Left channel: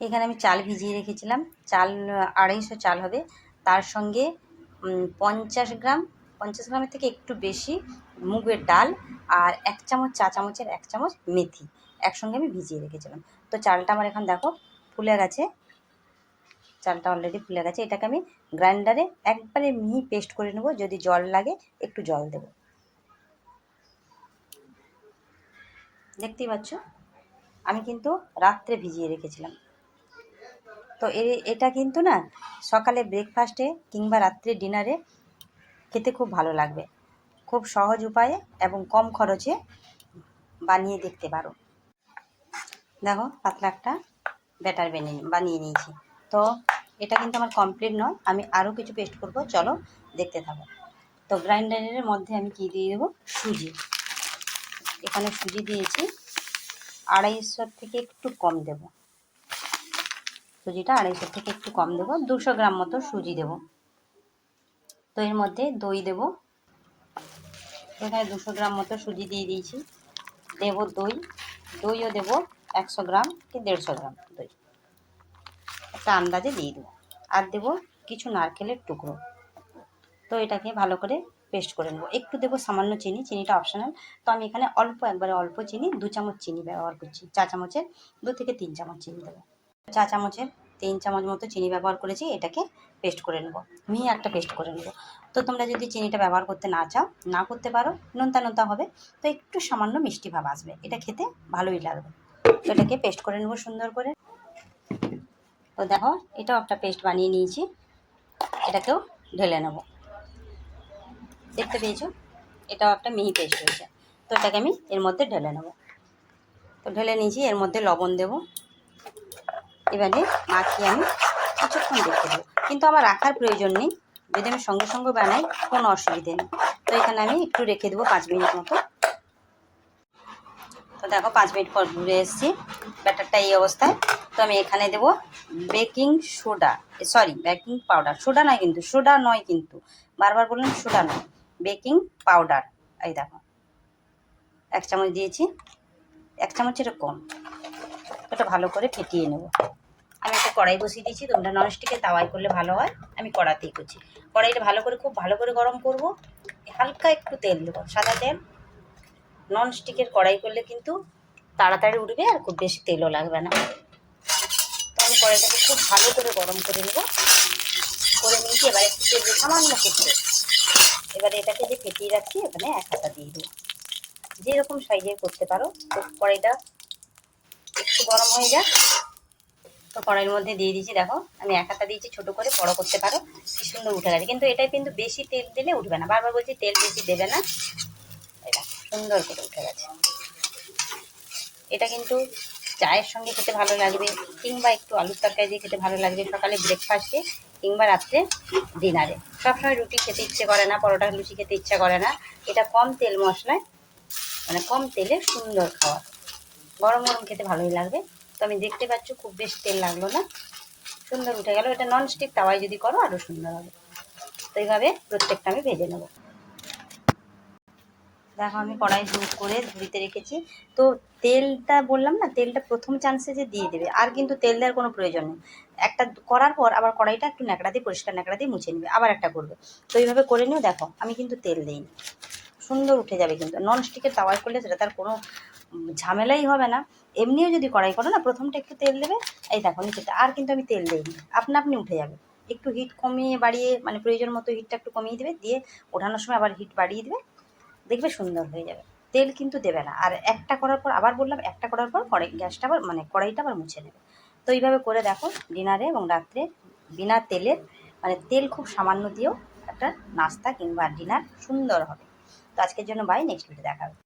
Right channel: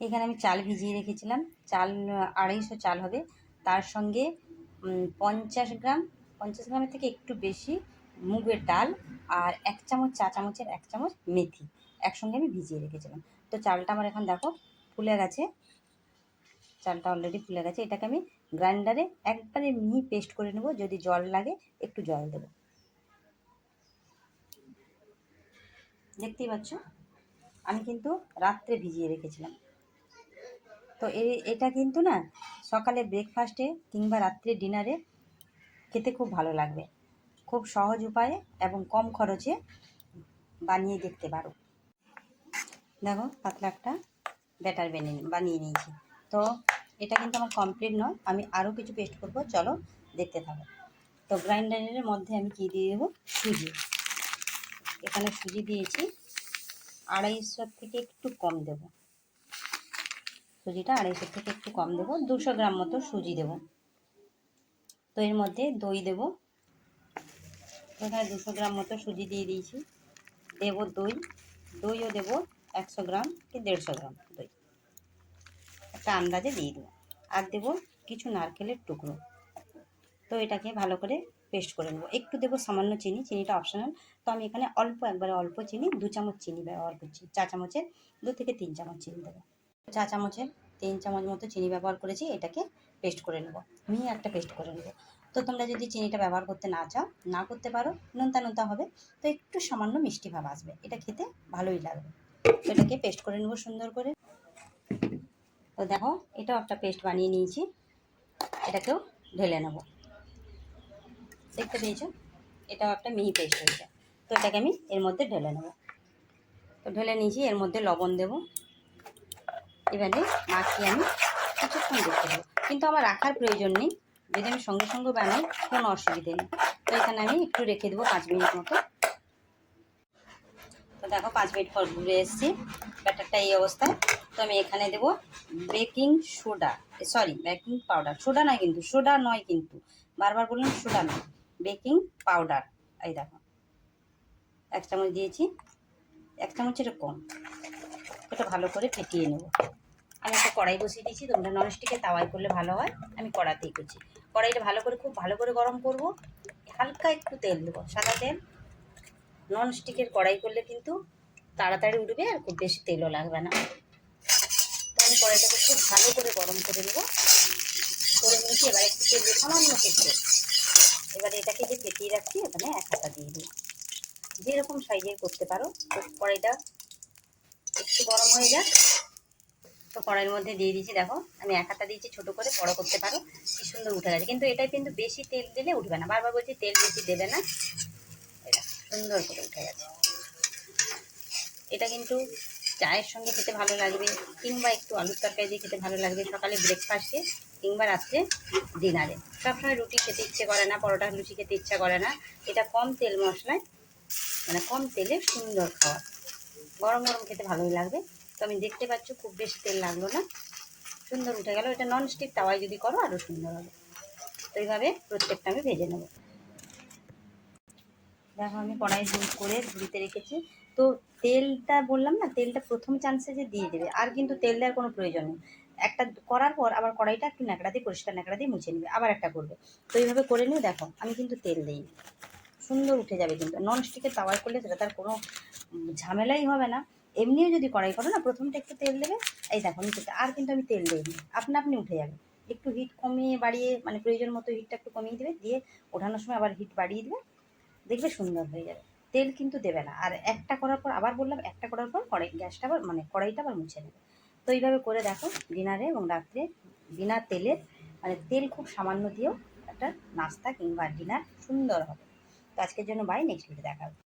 এখানে আমি চাল ভিজিয়ে রেখেছিলাম, চাল 250 চাল হবে, তার সঙ্গে 50 গ্রাম, 50 গ্রামের থেকে একটু বেশি মুগের ডাল, আর 1 চামচ, চা চামচের 1 চামচ মেথি একসঙ্গে আমি ভিজিয়ে রেখেছিলাম। তো চালটা আমার এখন দেখো ফুলে গেছে, চালটা অলরেডি ফুলে গেছে। এটাকে আমি গ্রাইন্ডারে একবারে মিহি পেস্ট করে নেব, যদি জল লাগে একটু জল দেব। দেখতেই পাচ্ছ আমি কিন্তু রাত্রে ভিজিয়ে রেখেছিলাম। তো এটা কিন্তু না সকালে ব্রেকফাস্টে কিংবা রাত্রে ডিনারে খেতে খুব ভালো লাগবে। খুব সহজ উপায়ে এবং কম খরচে বানিয়ে দেখতে পারো। দেখো পাতলা একটা ব্যাটার বানিয়ে নিয়েছি। তো এটা কিন্তু আমার কমপ্লিট নয়, আমি আরও কিছু পেস্ট করব, চলো দেখতে থাকো। তো গ্রাইন্ডারের মধ্যে আমি কী দিয়ে দেবো, সুজি। এখানে সুজি দিয়েছি 250 থেকে একটু কম দেব, সুজিটা 250 থেকে একটু কম দেবো, 200 গ্রাম মতো সুজি দেব। তো এর মধ্যে দই দেব, এখানে 200 গ্রাম মতো সুজি দিয়ে দিয়েছি। দেব দই, দইও দেব 100 গ্রাম কি 150 গ্রাম দই, একটা আন্দাজে দিয়ে দেবো। আর দেব কিছু নারকেলের টুকরো। তো এটাকে ভালো করে পেস্ট করে নেবো। একটু দেবো সামান্য চিনি, চিনিটা অপশনাল। তো আমি এখানে একবারে অল্প চিনি, 2 চামচ চিনি ব্যবহার করছি। চা চামচের 2 থেকে 3 চামচ চিনি দেবো। চা চামচের 3 চামচ মতো চিনি ব্যবহার করেছি। এটাকে পেস্ট করে নেবো, মিহি একটা পেস্ট করে নেবো। তো তোমরা যদি চিনিটা ব্যবহার করতে না চাও, না করতে পারো, নোনতা নোনতা হবে, তো একটু সামান্য মিষ্টি ভাব আসবে, এটা খেতে ভালোই লাগবে। তো এটাকে পেস্ট করে নেবো সুন্দর করে। তো দেখো এটাও একটা পেস্ট বানিয়ে নিয়েছি, এটাকেও ঢেলে নেবো। দেখতে পেয়েছো এটাও একটা মিহি পেস্ট হয়েছে। তো এটাকে আমি এর মধ্যে ঢেলে নেবো। তো ঢেলে নিয়েছি, এর মধ্যে লবণ দেব। এবারে মাখিয়ে আমি কিছুক্ষণ রেখে দেবো, কিন্তু আমার রাখার প্রয়োজন নেই, যদি আমি সঙ্গে সঙ্গে বানাই কোনো অসুবিধে নেই। তো এখানে আমি একটু রেখে দেবো 5 মিনিট মতো। তো দেখো 5 মিনিট পর ঘুরে এসেছি, ব্যাটারটা এই অবস্থায়। তো আমি এখানে দেবো baking soda, baking powder, soda নয় কিন্তু, সোডা নয় কিন্তু, বারবার বললাম সোডা নয়, বেকিং পাউডার। এই দেখো 1 চামচ দিয়েছি, 1 চামচের কম। এটা ভালো করে ফেটিয়ে নেব। আমি একটা কড়াই বসিয়ে দিয়েছি, তোমরা ননস্টিকের তাওয়ায় করলে ভালো হয়, আমি কড়াতেই করছি। কড়াইটা খুব ভালো করে গরম করব, হালকা একটু তেল দেবো, সাদা তেল। ননস্টিকের কড়াই করলে কিন্তু তাড়াতাড়ি উঠবে আর খুব বেশি তেলও লাগবে না। তো আমি কড়াইটাকে খুব ভালো করে গরম করে নেবো, করে নিয়েছি। এবার একটু সামান্য করতে, এবারে এটাকে যে ফেটিয়ে রাখছি এখানে 1 হাতা দিয়ে দেবো। যেরকম সাইজের করতে পারো। তো কড়াইটা একটু গরম হয়ে যাক। তো কড়াইয়ের মধ্যে দিয়ে দিয়েছি, দেখো আমি 1 হাতা দিয়েছি, ছোটো করে বড় করতে পারো, কি সুন্দর উঠে গেছে। কিন্তু এটাই কিন্তু বেশি তেল দিলে উঠবে না, বারবার বলছি তেল বেশি দেবে না। এটা সুন্দর করে উঠে গেছে। এটা কিন্তু চায়ের সঙ্গে খেতে ভালো লাগবে, কিংবা একটু আলুর তরকারি দিয়ে খেতে ভালো লাগবে, সকালে ব্রেকফাস্টে কিংবা রাত্রে ডিনারে। সবসময় রুটি খেতে ইচ্ছে করে না, পরোটা লুচি খেতে ইচ্ছা করে না। এটা কম তেল মশলায়, মানে কম তেলে সুন্দর খাওয়া, গরম গরম খেতে ভালোই লাগবে। তো আমি দেখতে পাচ্ছ খুব বেশি তেল লাগলো না, সুন্দর উঠে গেল। এটা ননস্টিক তাওয়ায় যদি করো আরও সুন্দর হবে। তো এইভাবে প্রত্যেকটা আমি ভেজে নেব। দেখো আমি কড়াই হিট করে ঝুড়িতে রেখেছি। তো তেলটা বললাম না, তেলটা প্রথম চান্সে যে দিয়ে দেবে, আর কিন্তু তেল দেওয়ার কোনো প্রয়োজন নেই। একটা করার পর আবার কড়াইটা একটু ন্যাকড়া দিয়ে, পরিষ্কার ন্যাকড়া দিয়ে মুছে নেবে, আবার একটা করবে। তো এইভাবে করে নিও। দেখো আমি কিন্তু তেল দিইনি, সুন্দর উঠে যাবে। কিন্তু ননস্টিকের তাওয়ায় করলে সেটা তার কোনো ঝামেলাই হবে না। এমনিও যদি কড়াই করো না, প্রথমটা একটু তেল দেবে, এই দেখো নিচেটা, আর কিন্তু আমি তেল দিইনি, আপনা আপনি উঠে যাবে। একটু হিট কমিয়ে বাড়িয়ে, মানে প্রয়োজন মতো হিটটা একটু কমিয়ে দেবে, দিয়ে ওঠানোর সময় আবার হিট বাড়িয়ে দেবে, দেখবে সুন্দর হয়ে যাবে। তেল কিন্তু দেবে না। আর একটা করার পর, আবার বললাম, একটা করার পর গ্যাসটা আবার, মানে কড়াইটা আবার মুছে নেবে। তো এইভাবে করে দেখো ডিনারে এবং রাত্রে বিনা তেলে, মানে তেল খুব সামান্য দিয়েও একটা নাস্তা কিংবা ডিনার সুন্দর হবে। তো আজকের জন্য বাই, নেক্সট ভিডিও দেখা হবে।